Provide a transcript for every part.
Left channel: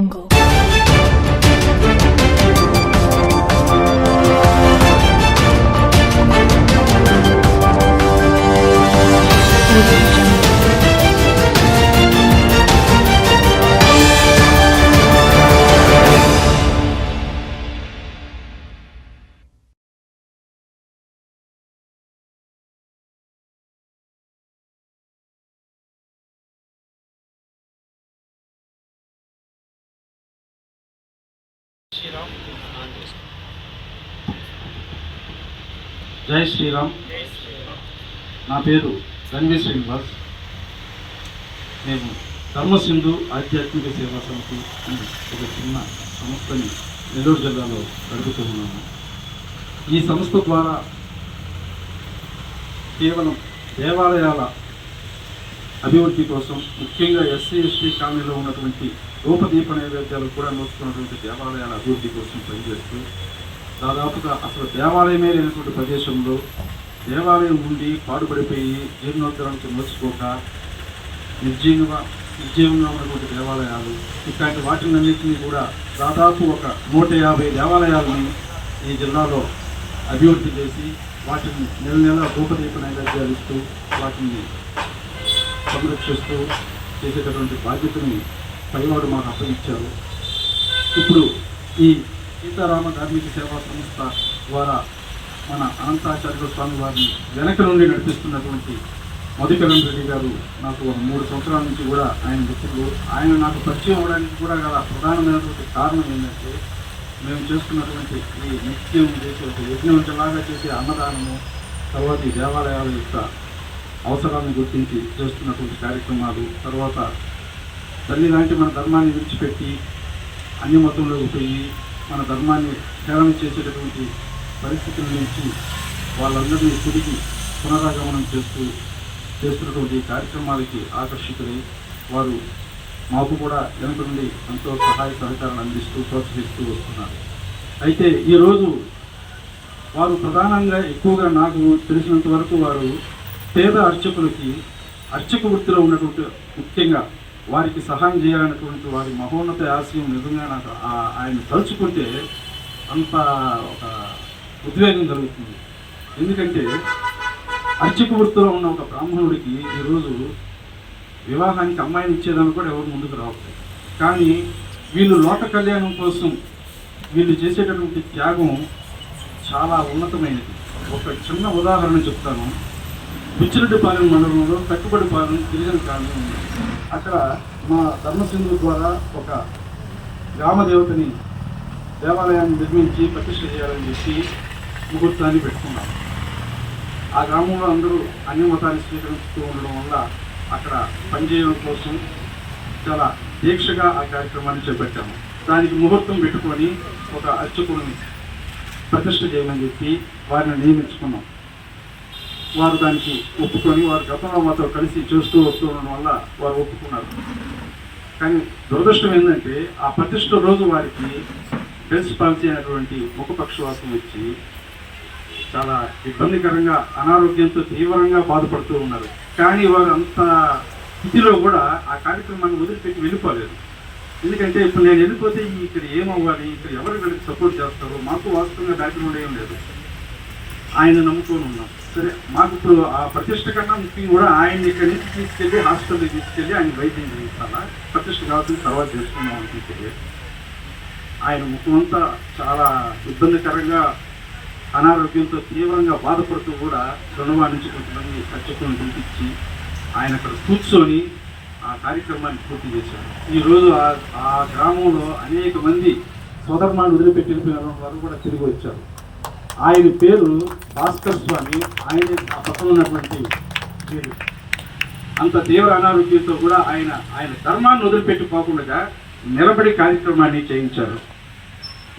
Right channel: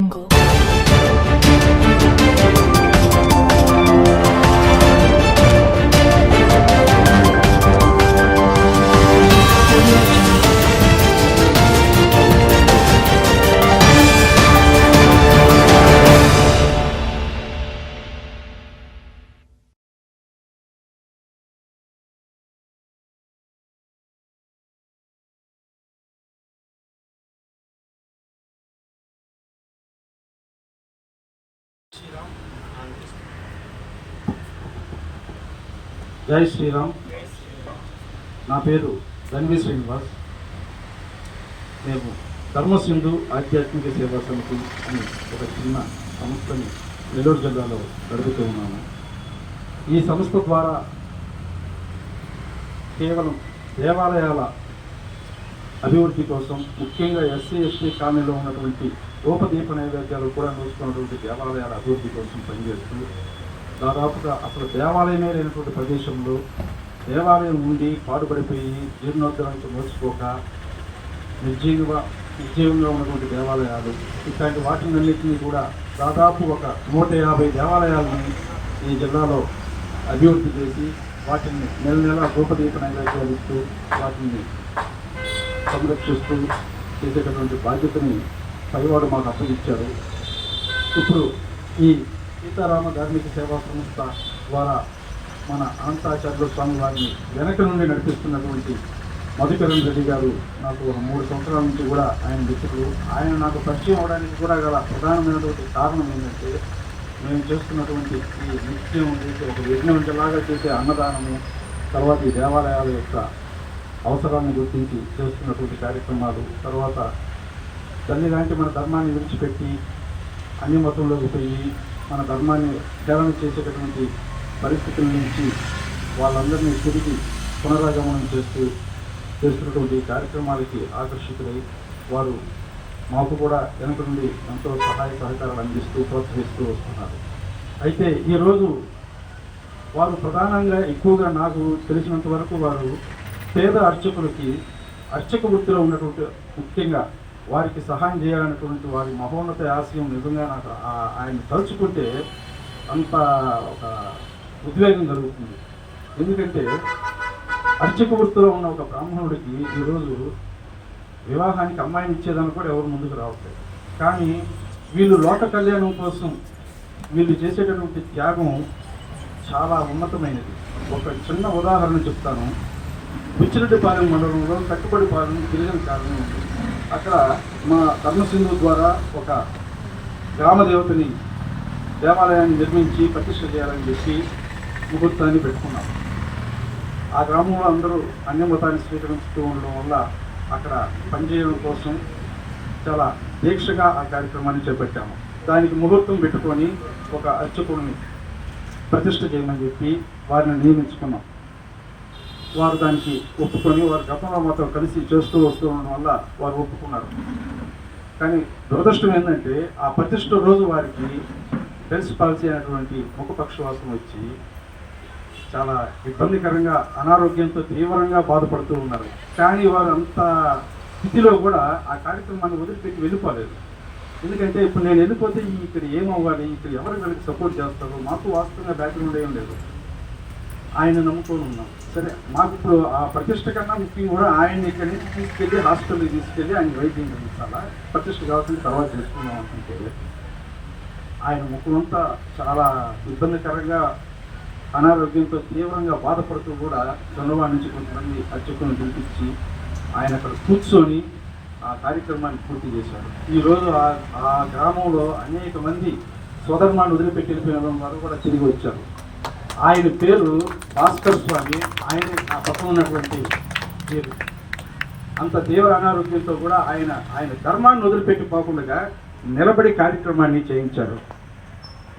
జై శ్రీరామ్. నా పేరు రణవీ శ్రీనివాస్. మేము ధర్మసింధు ఆధ్యాత్మిక సేవా సమితి అని ఒక చిన్న సంస్థని నెల్లూరు జిల్లాలో గడుపుతూ ఉన్నాము. ఈ సంస్థ ద్వారా కేవలం దేవాలయాల అభివృద్ధి కోసం, ముఖ్యంగా ఎస్సీ ఎస్టీ కాలనీలో ఉన్నటువంటి రూపదీప నైవేద్యాలు కూడా నోచుకున్నటువంటి దేవాలయాల అభివృద్ధి కోసం పనిచేస్తూ, దాదాపుగా అసలు దేవాలయమే లేనటువంటి ప్రదేశంలో దేవాలయం ఉండి పాడుపడిపోయి జీర్ణోద్ధరణకు నోచుకోక నిర్జీవంగా ఉన్నటువంటి దేవాలయాలు, ఇట్లాంటి వాటినన్నింటినీ కూడా దాదాపు ఒక 150 దేవాలయాలని ఈ జిల్లాలో అభివృద్ధి చేసి వాటిని నెల నెల రూపదీప నైవేద్యాలు ఇస్తూ వాటిని సంరక్షిస్తూ చేసేటటువంటి బాధ్యతని పైవాడు మాకు అప్పగించారు. ఇప్పుడు ఈ సీతారామ ధార్మిక సేవా సంస్థ ద్వారా మన అనంతాచార్య స్వామి వారిని వెనక నుండి నడిపిస్తున్నటువంటి మధుకరణ్ రెడ్డి గారు నాకు ఒక 3 సంవత్సరాల నుంచి కూడా ఆయన మిత్రులు. ఆయన నాకు పరిచయం అవడానికి కూడా గల ప్రధానమైనటువంటి కారణం ఏంటంటే, మేము చేస్తున్నటువంటి ఈ నిత్యం చేసే ఒక యజ్ఞంలాగా చేసే అన్నదానము, తర్వాత ఈ దేవాలయాల యొక్క అవసరాలను గుర్తించి చేస్తున్నటువంటి కార్యక్రమాలు, తర్వాత తల్లి లాంటి మన ధర్మాన్ని విడిచిపెట్టి అన్ని మతంలోకి పోయి మన ధర్మాన్ని హేళన చేసేటటువంటి పరిస్థితుల నుంచి వాళ్ళందరినీ తిరిగి పునరాగమనం చేస్తున్నటువంటి కార్యక్రమాలకి ఆకర్షితులై వారు మాకు కూడా వెనుక నుండి ఎంతో సహాయ సహకారాలు అందిస్తూ ప్రోత్సహిస్తూ వస్తున్నారు. అయితే ఈరోజు వారు ప్రధానంగా ఎక్కువగా నాకు తెలిసినంత వరకు వారు పేద అర్చకులకి అర్చక వృత్తిలో ఉన్నటువంటి, ముఖ్యంగా వారికి సహాయం చేయాలనేటువంటి వారి మహోన్నత ఆశయం నిజంగా నాకు ఆయన తలుచుకుంటే అంత ఒక ఉద్వేగం కలుగుతుంది. ఎందుకంటే అర్చక వృత్తిలో ఉన్న ఒక బ్రాహ్మణుడికి ఈరోజు వివాహానికి అమ్మాయిని ఇచ్చేదాన్ని కూడా ఎవరు ముందుకు రావట్లేదు. కానీ వీళ్ళు లోక కళ్యాణం కోసం వీళ్ళు చేసేటటువంటి త్యాగం చాలా ఉన్నతమైనది. ఒక చిన్న ఉదాహరణ చెప్తాను. బిచ్చిరెడ్డిపాలెం మండలంలో కట్టుబడిపాలెం గిరిజన కాలనీ ఉంది. అక్కడ మా ధర్మసింధు ద్వారా ఒక గ్రామదేవతని దేవాలయాన్ని నిర్మించి ప్రతిష్ఠ చేయాలని చెప్పి ముహూర్తాన్ని పెట్టుకున్నాం. ఆ గ్రామంలో అందరూ అన్య మతాన్ని స్వీకరిస్తూ ఉండడం వల్ల అక్కడ పనిచేయడం కోసం చాలా దీక్షగా ఆ కార్యక్రమాన్ని చేపట్టాము. దానికి ముహూర్తం పెట్టుకొని ఒక అర్చకుడిని ప్రతిష్ఠ చేయమని చెప్పి వారిని నియమించుకున్నాం. వారు దానికి ఒప్పుకొని వారు గతంలో మాతో కలిసి చేస్తూ వస్తూ ఉండడం వల్ల వారు ఒప్పుకున్నారు. కానీ దురదృష్టం ఏంటంటే, ఆ ప్రతిష్ఠ రోజు వారికి హెల్త్ పాలసీ అయినటువంటి ముఖపక్షవాతం వచ్చి చాలా ఇబ్బందికరంగా అనారోగ్యంతో తీవ్రంగా బాధపడుతూ ఉన్నారు. కానీ వారు అంత స్థితిలో కూడా ఆ కార్యక్రమాన్ని వదిలిపెట్టి వెళ్ళిపోలేదు. ఎందుకంటే ఇప్పుడు నేను వెళ్ళిపోతే ఇక్కడ ఏమవ్వాలి, ఇక్కడ ఎవరు వీళ్ళకి సపోర్ట్ చేస్తారు, మాకు వాస్తవంగా బ్యాక్గ్రౌండ్ ఏం లేదు, ఆయన నమ్ముకొని ఉన్నాం. సరే, మాకు ఇప్పుడు ఆ ప్రతిష్ట కన్నా ముఖ్యంగా కూడా ఆయన్ని ఇక్కడి నుంచి తీసుకెళ్ళి హాస్పిటల్కి తీసుకెళ్ళి ఆయన వైద్యం చేయించాలా, ప్రతిష్ట కావాల్సిన తర్వాత చేసుకున్నాం అనుకుంటే ఆయన ముఖమంతా చాలా ఇబ్బందికరంగా అనారోగ్యంతో తీవ్రంగా బాధపడుతూ కూడా చంద్రబాబు నుంచి కొంతమంది అర్చకులను పిలిపించి ఆయన అక్కడ కూర్చొని ఆ కార్యక్రమాన్ని పూర్తి చేశారు. ఈరోజు ఆ గ్రామంలో అనేక మంది సోదర్మాన్ని వదిలిపెట్టి వెళ్ళిపోయిన వారు కూడా తిరిగి వచ్చారు. ఆయన పేరు భాస్కర్ స్వామి. ఆయన ఆ పక్కన ఉన్నటువంటి పేరు. అంత తీవ్ర అనారోగ్యంతో కూడా ఆయన ధర్మాన్ని వదిలిపెట్టిపోకుండా నిలబడి కార్యక్రమాన్ని చేయించారు.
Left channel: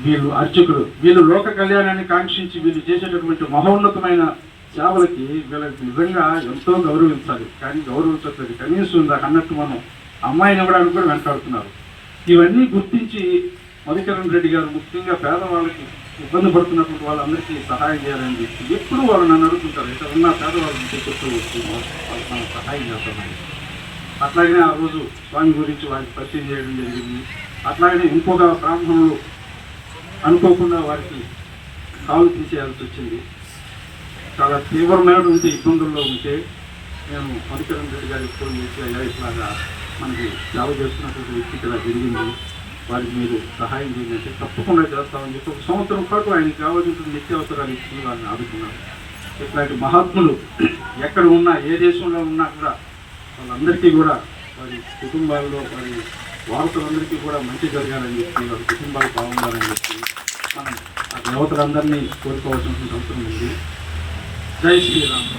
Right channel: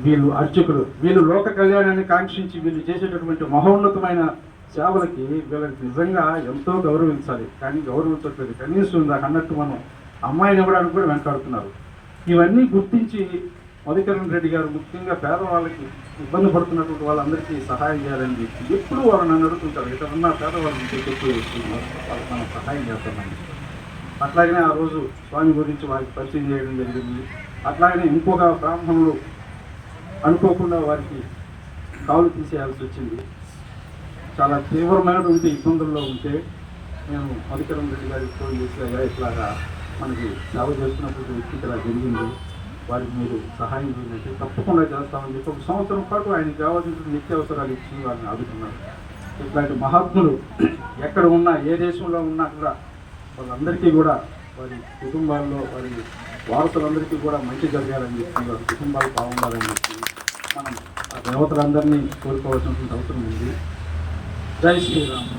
వీళ్ళు అర్చకులు, వీళ్ళు లోక కళ్యాణాన్ని కాంక్షించి వీళ్ళు చేసేటటువంటి మహోన్నతమైన సేవలకి వీళ్ళకి నిజంగా ఎంతో గౌరవించాలి. కానీ గౌరవించట్లేదు. కనీసం దాకా అన్నట్టు మనం అమ్మాయిని ఇవ్వడానికి కూడా వెంటాడుతున్నారు. ఇవన్నీ గుర్తించి మధుకరణ్ రెడ్డి గారు ముఖ్యంగా పేదవాళ్ళకి ఇబ్బంది పడుతున్నటువంటి వాళ్ళందరికీ సహాయం చేయాలని చెప్పి ఎప్పుడు వాళ్ళు నన్ను అడుగుతుంటారు, ఇక్కడ ఉన్న పేదవాళ్ళని చెప్పి వాళ్ళకి మనం సహాయం చేస్తామని. అట్లాగనే ఆ రోజు స్వామి గురించి వారికి పరిచయం చేయడం జరిగింది. అట్లాగనే ఇంకొక బ్రాహ్మణులు అనుకోకుండా వారికి కాలు తీసేయాల్సి వచ్చింది. చాలా తీవ్రమైనటువంటి ఇబ్బందుల్లో ఉంటే నేను మధుకరం రెడ్డి గారికి ఫోన్ చేసి అయ్యా ఇట్లాగా మనకి సేవ చేస్తున్నటువంటి వ్యక్తికి ఇలా జరిగింది, వారికి మీరు సహాయం చేయాలంటే తప్పకుండా చేస్తామని చెప్పి 1 సంవత్సరం పాటు ఆయనకి కావాల్సినటువంటి నిత్యావసరాలు ఇచ్చి వారిని ఆదుకున్నారు. ఇట్లాంటి మహాత్ములు ఎక్కడ ఉన్నా ఏ దేశంలో ఉన్నా కూడా వాళ్ళందరికీ కూడా వారి కుటుంబాల్లో వారి వారసులందరికీ కూడా మంచి జరగాలని చెప్పి వారి కుటుంబాలు బాగుండాలని చెప్పి మనం ఆ దేవతలందరినీ కోరుకోవాల్సినటువంటి అవసరం ఉంది. జై శ్రీరామ్.